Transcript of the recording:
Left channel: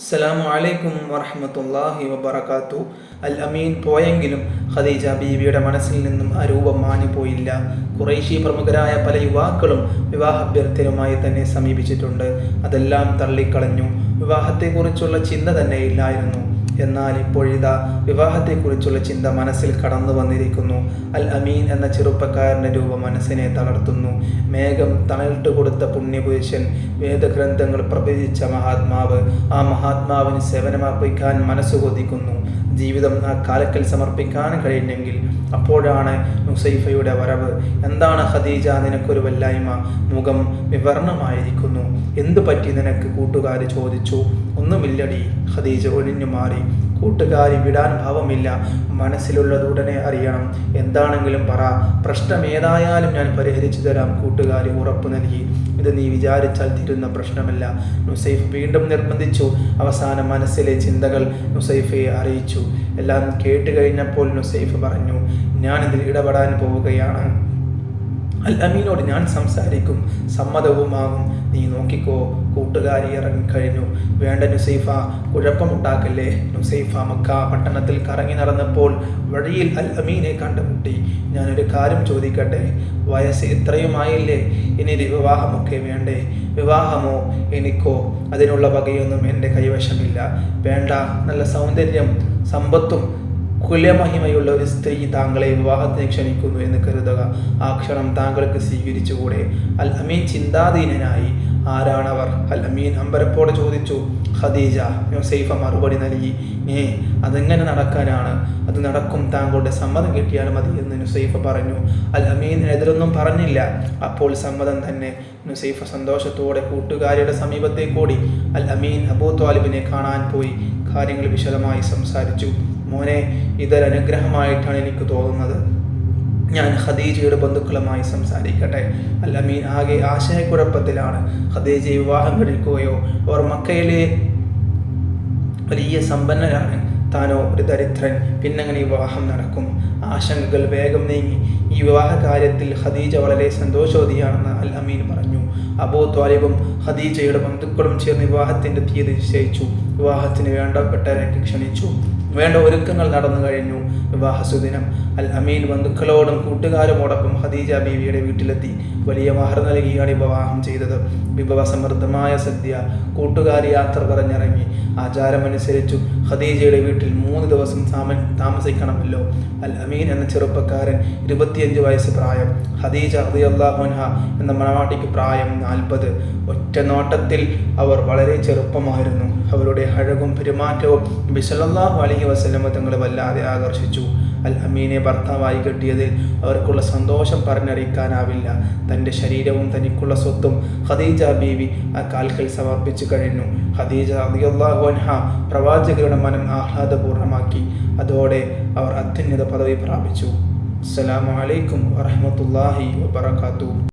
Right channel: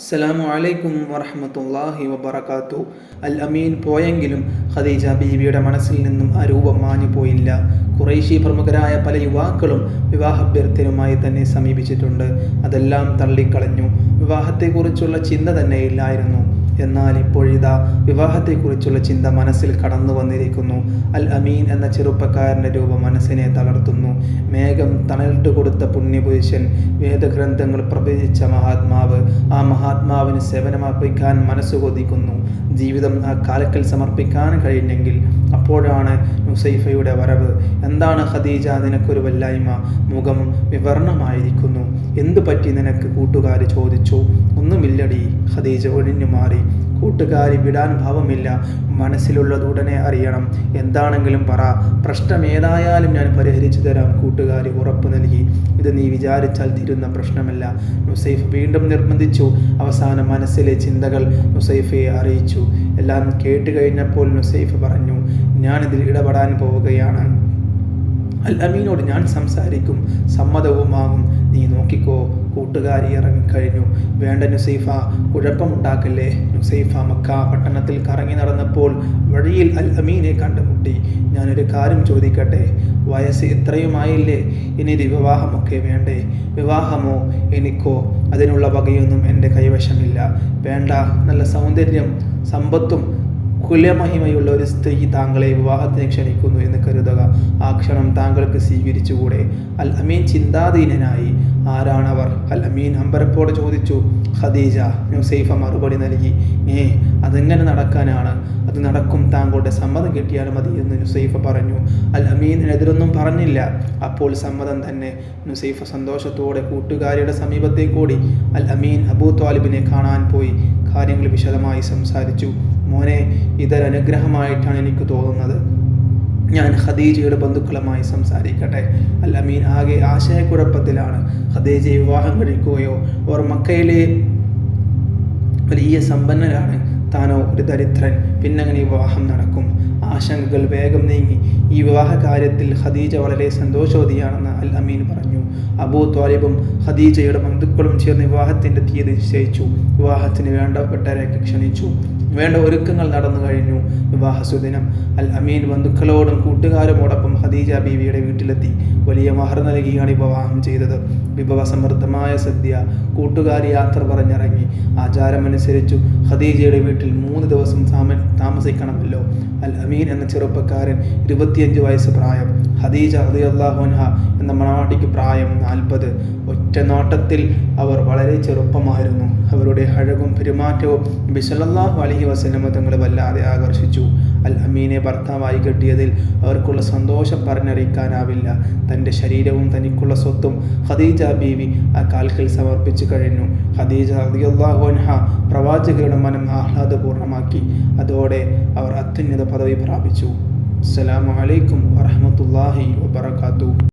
അസ്സലാമു അലൈക്കും വറഹമത്തല്ലാഹി വബർക്കാത്തു അൽ അമീൻ പോയെങ്കിലും ഖദീജ ബീവിയുടെ മനസ്സിൽ നിന്നും ആ രൂപം മാഞ്ഞു പോയില്ല. കുറേശി പ്രമുഖരായ പല യുവാക്കളും വിവാഹാഭ്യർത്ഥനയുമായി തന്നെ സമീപിച്ചിട്ടുണ്ട്. അതെല്ലാം തള്ളിക്കളഞ്ഞു. വിവാഹത്തെക്കുറിച്ചുള്ള ചിന്ത തന്നെ ഇല്ലായിരുന്നു. എന്നാൽ ഇപ്പോഴിതാ വിവാഹത്തെക്കുറിച്ചുള്ള ചിന്ത മനസ്സിൽ കടന്നു വന്നിരിക്കുന്നു. അൽ അമീൻ എന്ന ചെറുപ്പക്കാരന്റെ രൂപം മനസ്സിനെ തളർത്തുന്നു. മേഘം തണലിട്ട് കൊടുത്ത പുണ്യപുരുഷൻ വേദഗ്രന്ഥങ്ങൾ പ്രവചിച്ച മഹാത്മാവ് ആ മഹാത്മാവിന് സേവനമർപ്പിക്കാൻ മനസ്സ് കൊതിക്കുന്നു. ജീവിതം ആ കാലക്കൽ സമർപ്പിക്കാൻ കഴിഞ്ഞെങ്കിൽ അപ്പോഴാണ് നുസൈഫയുടെ വരവ്. എന്താണ് ഖദീജ നിനക്കൊരു വല്ലായ്മ? മുഖം വിവർണമായിരിക്കുന്നു. എന്തു പറ്റി നിനക്ക് കൂട്ടുകാർ ചോദിച്ചു. ഒന്നുമില്ലടി ഖദീജ ഒഴിഞ്ഞു മാറി. കൂട്ടുകാരി വിടാൻ ഭാവമില്ല. മനസ്സിലുള്ളത് ഉടനെ അറിയണം. എന്താണെങ്കിലും പറ. പ്രശ്നം ഏതായാലും ഞാൻ പരിഹരിച്ചു തരാം കൂട്ടുകാരി ഉറപ്പു നൽകി. ഇത് നീ വിചാരിച്ചാൽ തീരുന്ന പ്രശ്നമല്ല. നുസൈഫ് വീണ്ടും നിർബന്ധിച്ചു. അവസാന മനസ്സിലെ ചിന്തകൾ നുസൈഫയെ അറിയിച്ചു. എല്ലാം കേട്ട് കഴിഞ്ഞപ്പോൾ നുസൈഫ് പറഞ്ഞു ഞാനിതിൽ ഇടപെടാൻ പോവുകയാണ്. അൽ അമീനോട് ഞാൻ സംസാരിക്കും. സമ്മതവുമാകും. നീ നോക്കിക്കോ കൂട്ടുകാരി ഇറങ്ങിക്കഴിഞ്ഞു വേണ്ട നുസൈഫ കുഴപ്പമുണ്ടാക്കല്ലേ? നുസൈഫ മക്ക പട്ടണത്തിൽ കറങ്ങി നടന്നപ്പോൾ വഴിയിൽ അൽ അമീനെ കണ്ടുമുട്ടി. ഞാനൊരു കാര്യം ചോദിക്കട്ടെ? വയസ്സ് ഇത്രയുമായില്ലേ? ഇനി ഒരു വിവാഹമൊക്കെ വേണ്ടേ? വിവാഹമോ? എനിക്കോ? അതിനുള്ള വകയൊന്നും എന്റെ കൈവശമില്ല. വേണ്ട. നല്ല സൗന്ദര്യം സമ്പത്തും കുലമഹിമയുള്ള ഒരു സ്ത്രീ താങ്കളെ വിവാഹത്തിന് ക്ഷണിക്കുന്നു എന്ന് കരുതുക. ആ ക്ഷണം താങ്കൾക്ക് സ്വീകരിച്ചുകൂടെ? അൽ അമീൻ ചിന്താധീനനായി. ആരാണവർ? അൽ അമീൻ അമ്പരപ്പോടെ ചോദിച്ചു. ഖദീജ നുസൈഫ മറുപടി നൽകി. ഏ അതെങ്ങനെ നടക്കാനാണ്? അത് നടക്കും താങ്കളുടെ സമ്മതം കിട്ടിയാൽ മതി എന്ന് നുസൈഫ പറഞ്ഞു. അൽ അമീനെതിരൊന്നും പറഞ്ഞില്ല. അപ്പോൾ സമ്മതം തന്നെ. നുസൈഫ സന്തോഷത്തോടെ കൂട്ടുകാരിയുടെ സമീപത്തേക്കൂടി അൽ അമീൻ അബൂ താലിബിനെ കാണാൻ പോയി. കാര്യങ്ങൾ വിശദമായി സംസാരിച്ചു. മോനെ ഇതൊരനുഗ്രഹമായിട്ടാണ് എനിക്ക് തോന്നുന്നത്. ഞാൻ ഖദീജയുടെ ബന്ധുക്കളുമായി സംസാരിക്കട്ടെ. അൽ അമീൻ ആകെ ആശയക്കുഴപ്പത്തിലാണ്. ഖദീജയെ വിവാഹം കഴിക്കുകയോ അവർ മക്കയിലെ വലിയ സമ്പന്നരാണ്. താനോ ഒരു ദരിദ്രൻ. പിന്നങ്ങനെ വിവാഹം നടക്കും. ആശങ്കകൾ വേഗം നീങ്ങി. ഈ വിവാഹ കാര്യത്തിൽ ഖദീജ വളരെ സന്തോഷവതിയാണെന്ന് അൽ അമീൻ പറഞ്ഞു. അബൂ ത്വാലിബും ഖദീജയുടെ ബന്ധുക്കളും ചേർന്ന് വിവാഹത്തിന്റെ തീയതി നിശ്ചയിച്ചു. വിവാഹത്തിന് വേണ്ടപ്പെട്ടവരൊക്കെ ക്ഷണിച്ചു. വേണ്ട ഒരുക്കങ്ങൾ നടന്നു കഴിഞ്ഞു. വിവാഹ സുദിനം അൽ അമീൻ ബന്ധുക്കളോടും കൂട്ടുകാരുമോടൊപ്പം ഖദീജ ബീവിയുടെ വീട്ടിലെത്തി. വലിയ മഹർ നൽകിയാണ് വിവാഹം ചെയ്തത്. വിഭവ സമൃദ്ധമായ സദ്യ. കൂട്ടുകാരി യാത്ര പറഞ്ഞിറങ്ങി. ആചാരമനുസരിച്ചു ഖദീജയുടെ വീട്ടിൽ മൂന്ന് ദിവസം താമസിക്കണമല്ലോ. അൽ അമീൻ എന്ന ചെറുപ്പക്കാരൻ ഇരുപത്തിയഞ്ച് വയസ്സ് പ്രായം. ഖദീജ ഹൃദയല്ലാഹുൻഹ എന്ന മണവാട്ടിക്ക് പ്രായം നാൽപ്പത്. ഒറ്റ നോട്ടത്തിൽ അവർ വളരെ ചെറുപ്പമായിരുന്നു. അവരുടെ അഴകും പെരുമാറ്റവും ബിസലല്ലാഹു അലഹി വസ്ലമ തങ്ങൾ വല്ലാതെ ആകർഷിച്ചു. അൽ അമീനെ ഭർത്താവായി കെട്ടിയതിൽ അവർക്കുള്ള സന്തോഷം പറഞ്ഞറിയിക്കാനാവില്ല. തന്റെ ശരീരവും തനിക്കുള്ള സ്വത്തും ഖദീജ ബീവി ആ കാൽക്കൽ സമർപ്പിച്ചു കഴിഞ്ഞു. ഖദീജ അൻഹ പ്രവാചകരുടെ മനം ആഹ്ലാദപൂർണമാക്കി അതോടെ അവർ അത്യുന്നത പദവി പ്രാപിച്ചു. അസ്സലാമു അലൈക്കും വറഹമത്തല്ലാഹി വബർക്കാത്തു